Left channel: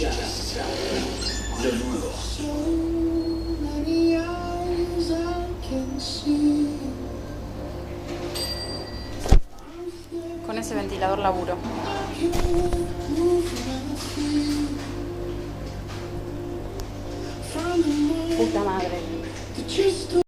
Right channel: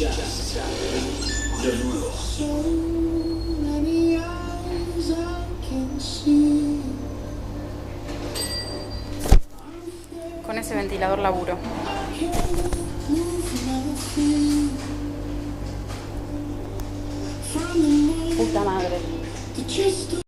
De nuevo. Con ese ventilador laburo. Puta madre.